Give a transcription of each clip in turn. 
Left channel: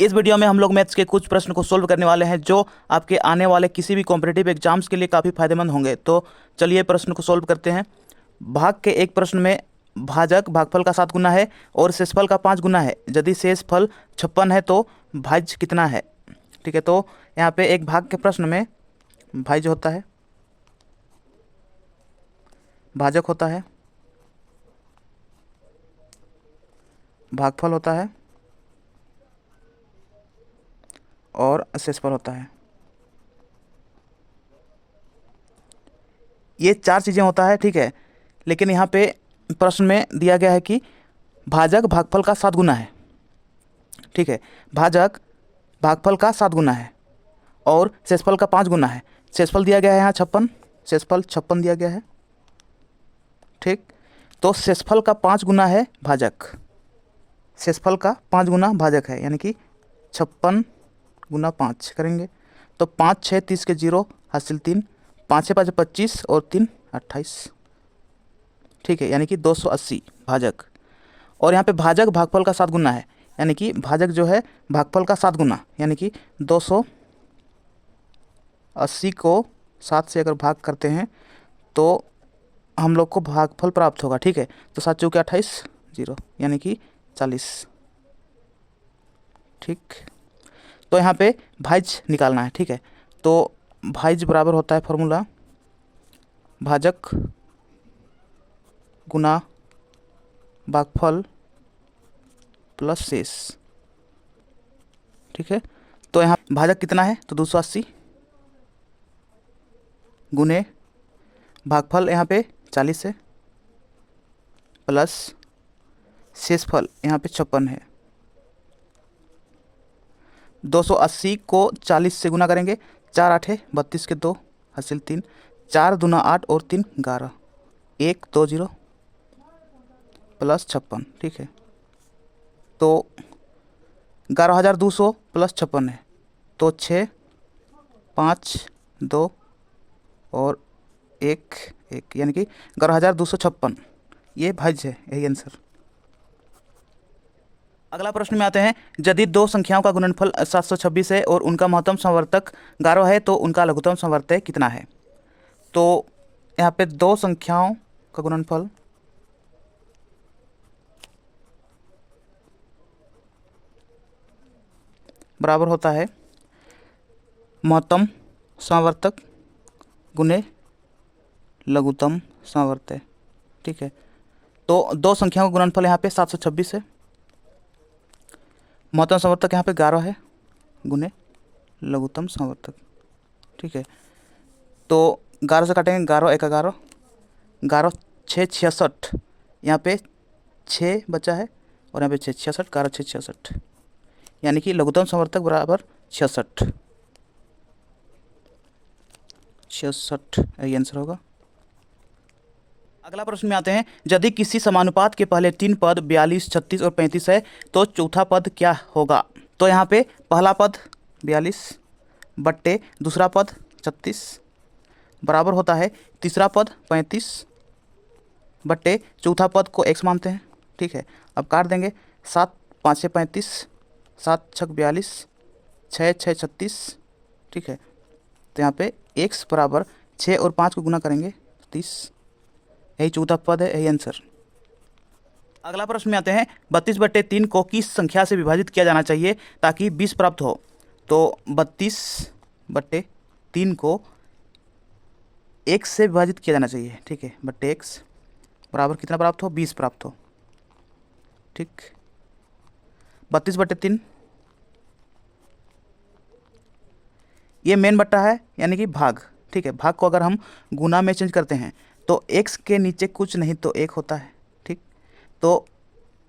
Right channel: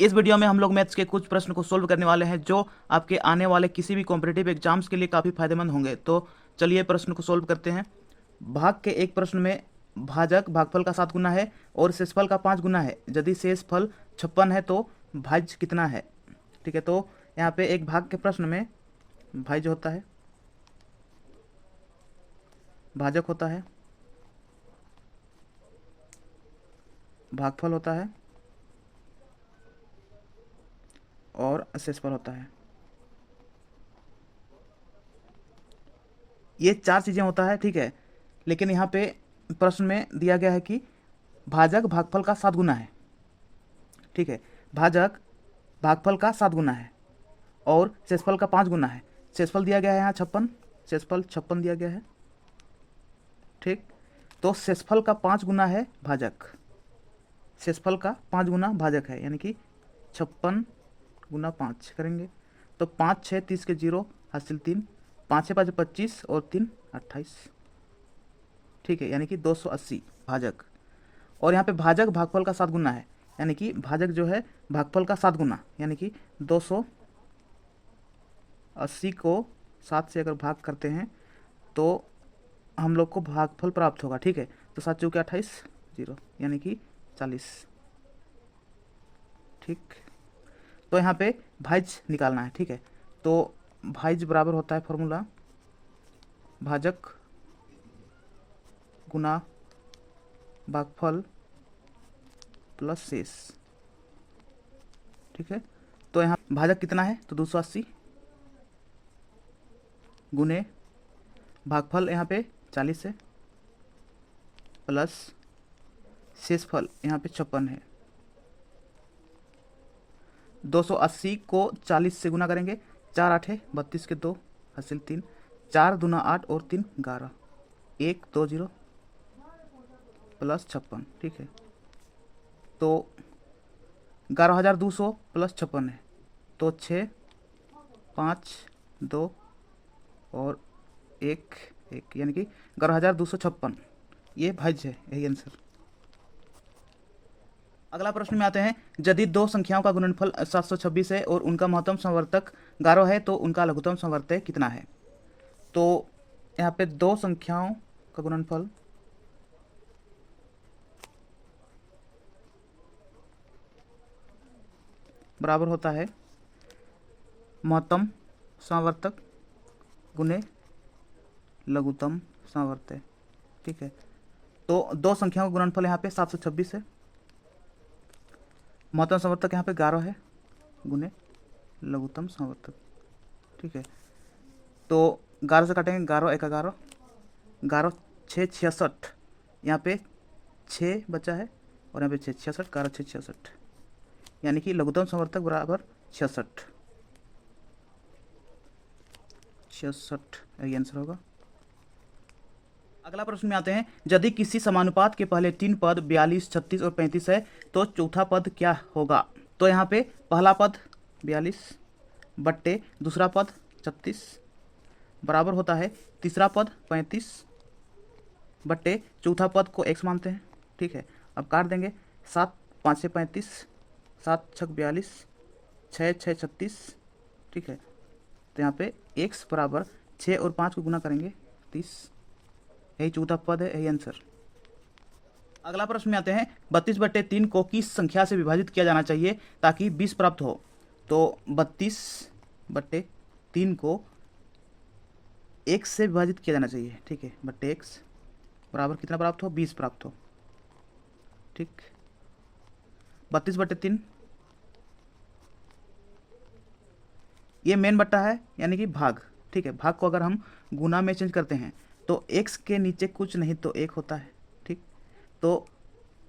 इस वीडियो में हम लोग मैथ्स के कुछ प्रश्न को सोल्व करने वाले हैं जो आपके आने वाले किसी भी कॉम्पिटिटिव एग्जाम्स के लिए काफ़ी फायदेमंद होंगे। तो चलिए प्रश्न को सोल्व करते हैं। भाग के एक प्रश्न में भाजक भागफल का 7 गुना है और शेषफल का 5 गुना है। यदि शेषफल 56 है तो भाज्य कितना है। ठीक है, तो यहाँ पे एक भाग के प्रश्न में भाज्य होता है, भाजक होता है, भागफल होता है और शेषफल होता है। ये 4 चीज़ें होता है, ठीक है। लेकिन यहाँ पे प्रश्न में दिया गया है कि भाजक भागफल का 7 गुना है। ठीक है, भाजक भागफल का 7 गुना है और शेषफल का 5 गुना है। शेषफल दिया गया है यहाँ 56, शेषफल 56 दिया गया है। ठीक, तो शेषफल का 5 गुना है भाजक, शेषफल का 5 गुना भाजक है, यानी कि 56 गुना 5 करेंगे तो 5 6 30 के 0 हासिल 3, 5 से 5 25 और 3 28। ठीक है, यानी कि 280 भाजक। और यहाँ पे भाजक भागफल का 7 गुना है, यानी कि भाजक जो है भागफल का 7 गुना, यानी कि 280 को 7 से अगर भाग करते हैं तो हम लोग को भागफल प्राप्त होगा। ठीक है, तो 7 चौके 28 0, यानी कि 40। ठीक, तो यहाँ पे भाज्य निकालना है। ठीक है, तो भाज्य बराबर होता है फॉर्मूला भाजक गुना भागफल प्लस शेष। ठीक है, तो यहाँ भाजक कितना है तो 280 गुने भागफल यहाँ पे 40 है प्लस शेषफल यहाँ पे 56 है। 280 को 40 से गुना करेंगे, 4 8 32 के 2 हासिल 3, 4 दूना 8 और 3 11, 1 2 0 प्लस 56। ठीक है, तो 11,200 प्लस 56 है, तो 6 5 2 और 1 1, यानी कि 11,256 ये भाज्य है, यही आंसर। अगला प्रश्न में आते हैं। यदि दो संख्याओं का गुणनफल 726 है और उनका महत्तम संवर्तक 11 है तो उनका लघुत्तम संवर्तक कितना है। तो यहाँ पे दो संख्याओं का गुणनफल बराबर होता है महत्तम संवर्तक गुने लघुत्तम संवर्तक। ठीक है, तो दो संख्याओं का गुणनफल यहाँ पे 726 है, महत्तम संवर्तक यहाँ पे 11 है गुने लघुत्तम संवर्तक। ठीक है, तो 11 से काटेंगे, 11 1 11, 11 6 66, यहाँ पे 6 बचा है और यहाँ पे 6 66, 11 6 66, यानी कि लघुत्तम संवर्तक बराबर 66 यही आंसर होगा। अगला प्रश्न में आते हैं। यदि किसी समानुपात के पहले 3 पद 42 36 और 35 है तो चौथा पद क्या होगा। तो यहाँ पे पहला पद 42 बट्टे दूसरा पद 36 बराबर होता है तीसरा पद 35 बट्टे चौथा पद को x मानते हैं। ठीक है, अब काट देंगे, 7 5 से 35, 7 6 42, 6 6 36। ठीक है, तो यहाँ पे x बराबर 6 और 5 को गुना करेंगे 30, यही चौथा पद है, यही आंसर। अगला प्रश्न में आते हैं। 32/3 को किस संख्या से विभाजित किया जाना चाहिए ताकि 20 प्राप्त हो। तो 32/3 को x से विभाजित किया जाना चाहिए। ठीक है, बट्टे x बराबर कितना प्राप्त हो, 20 प्राप्त हो। ठीक, 32/3 ये मेन बट्टा है, यानी कि भाग। ठीक है, भाग को अगर हम गुना में चेंज करते हैं तो x के नीचे कुछ नहीं तो 1 होता है। ठीक, तो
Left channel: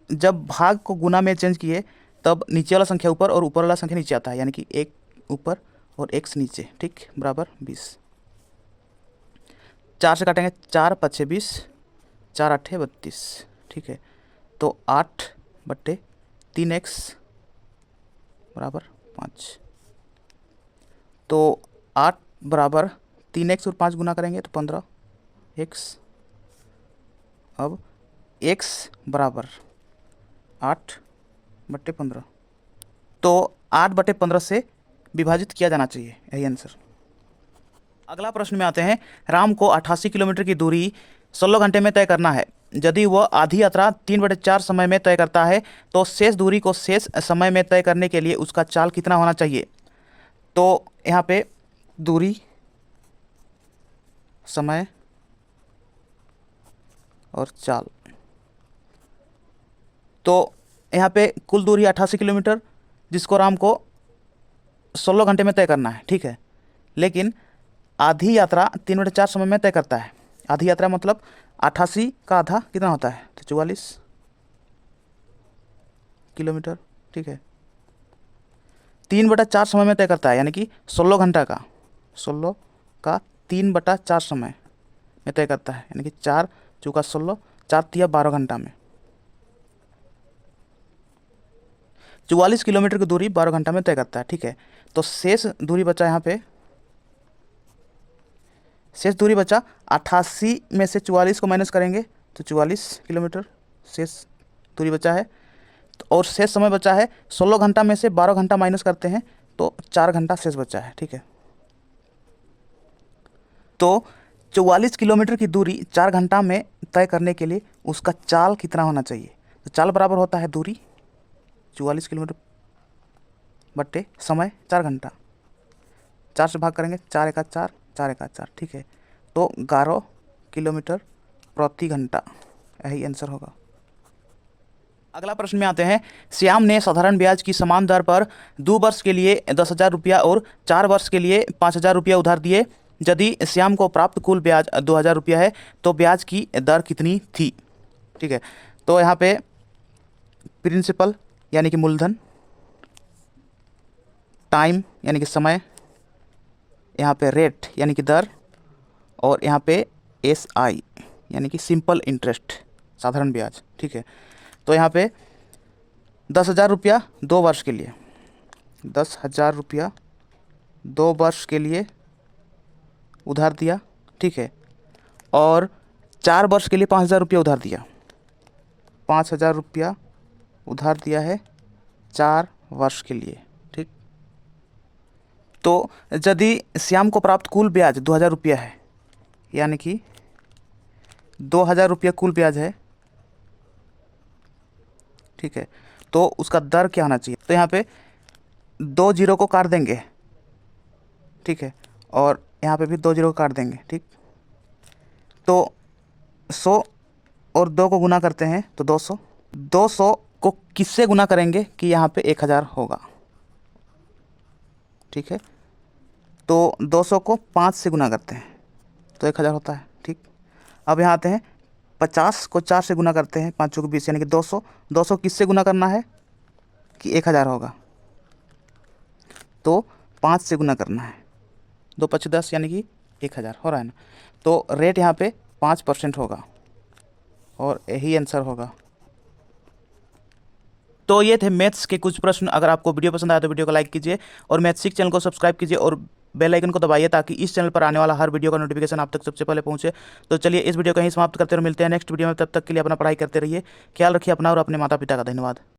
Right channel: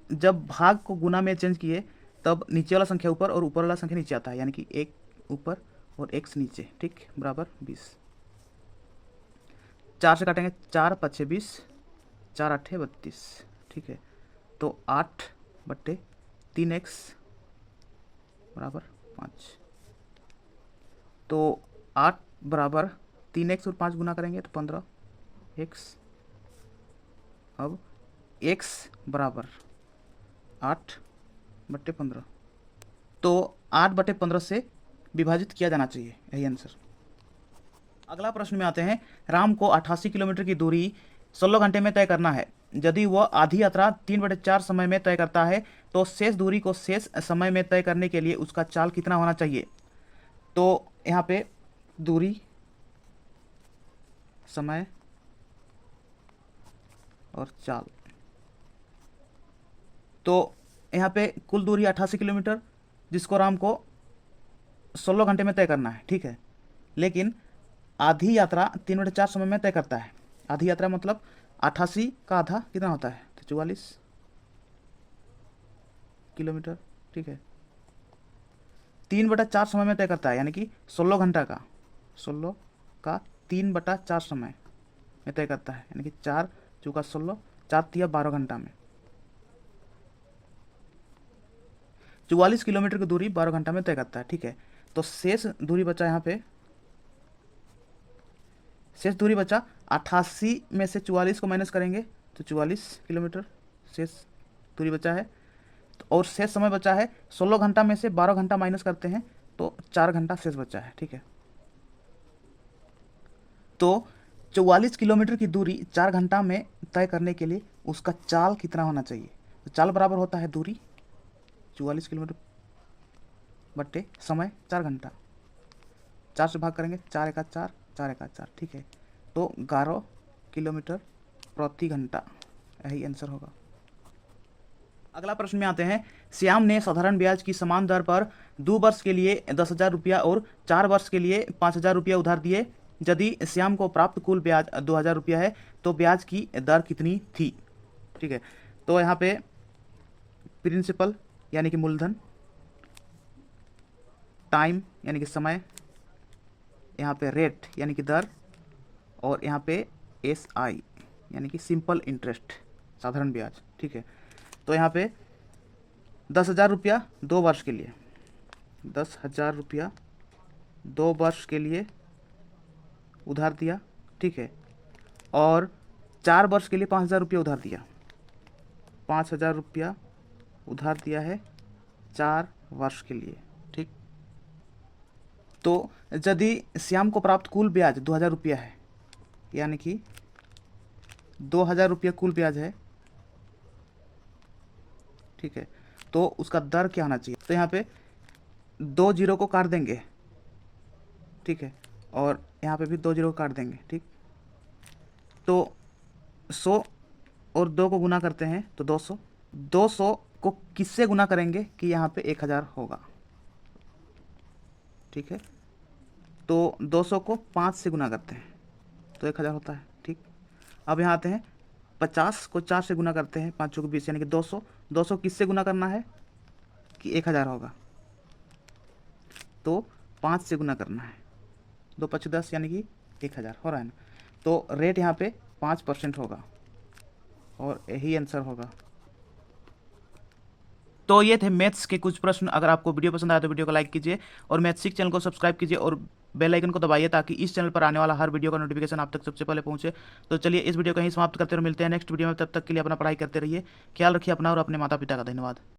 जब भाग को गुना में चेंज किए तब नीचे वाला संख्या ऊपर और ऊपर वाला संख्या नीचे आता है, यानी कि 1 ऊपर और x नीचे। ठीक, बराबर 20। 4 से काटेंगे, 4 5 6 20, 4 8 32। ठीक है, तो 8/3x बराबर 5। तो 8 बराबर 3x और 5 गुना करेंगे तो 15x। अब x बराबर 8/15, तो 8/15 से विभाजित किया जाना चाहिए, यही आंसर। अगला प्रश्न में आते हैं, राम को 88 किलोमीटर की दूरी 16 घंटे में तय करना है। यदि वह आधी यात्रा 3/4 समय में तय करता है तो शेष दूरी को शेष समय में तय करने के लिए उसका चाल कितना होना चाहिए। तो यहाँ पे दूरी, समय और चाल। तो यहाँ पे कुल दूरी 88 किलोमीटर, जिसको राम को 16 घंटे में तय करना है, ठीक है। लेकिन आधी यात्रा 3/4 समय में तय करता है। आधी यात्रा मतलब 88 का आधा कितना होता है, तो 44 किलोमीटर, ठीक है। 3/4 समय में तय करता है, यानी कि 16 घंटा का, 16 का 3/4 समय में तय करता है, यानी कि 4 चौका 16, 4 तिया 12 घंटा में। 44 किलोमीटर की दूरी 12 घंटा में तय करता है, ठीक है। तो शेष दूरी बचा यहाँ पे, शेष दूरी बचा 88 में से 44 को माइनस करेंगे तो 44 किलोमीटर शेष दूरी बचा है। और शेष समय बचा है 16 घंटा में से 12 घंटा माइनस करते हैं तो 4 घंटा शेष बचा है, ठीक है। तो 44 किलोमीटर की दूरी 4 घंटा में तय करने के लिए उसका चाल कितना होना चाहिए। तो चाल बराबर होता है दूरी 44 किलोमीटर बट्टे समय 4 घंटा। 4 से भाग करेंगे, 4 एका 4, 4 एका 4, ठीक है। तो 11 किलोमीटर प्रति घंटा, यही आंसर होगा। अगला प्रश्न में आते हैं, श्याम ने साधारण ब्याज की समान दर पर 2 वर्ष के लिए 10,000 रुपया और 4 वर्ष के लिए 5,000 रुपया उधार दिए। यदि श्याम को प्राप्त कुल ब्याज 2,000 रुपया है तो ब्याज की दर कितनी थी, ठीक है। तो यहाँ पे प्रिंसिपल यानी कि मूलधन, टाइम यानी कि समय, यहाँ पे रेट यानी कि दर, और यहाँ पे SI यानी कि सिंपल इंटरेस्ट, साधारण ब्याज, ठीक है। तो यहाँ पे 10,000 रुपया 2 वर्ष के लिए, 10,000 रुपया 2 वर्ष के लिए उधार दिया, ठीक है। और 4 वर्ष के लिए 5,000 रुपया उधार दिया, 5,000 रुपया उधार दिया है 4 वर्ष के लिए, ठीक। तो यदि श्याम को प्राप्त कुल ब्याज 2,000 रुपया है, यानी कि 2,000 रुपया कुल ब्याज है, ठीक है। तो उसका दर क्या होना चाहिए। तो यहाँ पे 2 जीरो को काट देंगे, ठीक है, और यहाँ पे भी 2 जीरो को काट देंगे, ठीक। तो 100 और 2 को गुना करते हैं तो 200, 200 को किससे गुना करेंगे कि यहाँ पे 1,000 होगा, ठीक है। तो 200 को 5 से गुना करते हैं तो 1,000 होता है, ठीक। अब यहाँ आते हैं, 50 को 4 से गुना करते हैं, 5 चौके 20 यानी कि 200, 200 किससे गुना करना है कि 1,000 होगा, तो 5 से गुना करना है, 2 5 10 यानी कि 1,000 हो रहा है ना। तो रेट यहाँ पे 5% होगा और यही आंसर होगा। तो ये थे मैथ्स के कुछ प्रश्न। अगर आपको वीडियो पसंद आया तो वीडियो को लाइक कीजिए और मैथ्सिक चैनल को सब्सक्राइब कीजिए और बेल आइकन को दबाइए ताकि इस चैनल पर आने वाला हर वीडियो का नोटिफिकेशन आप तक सबसे पहले पहुंचे। तो चलिए इस वीडियो को यहीं समाप्त करते और मिलते हैं नेक्स्ट वीडियो में। तब तक के लिए अपना पढ़ाई करते रहिए, ख्याल रखिए अपना और अपने माता पिता का। धन्यवाद।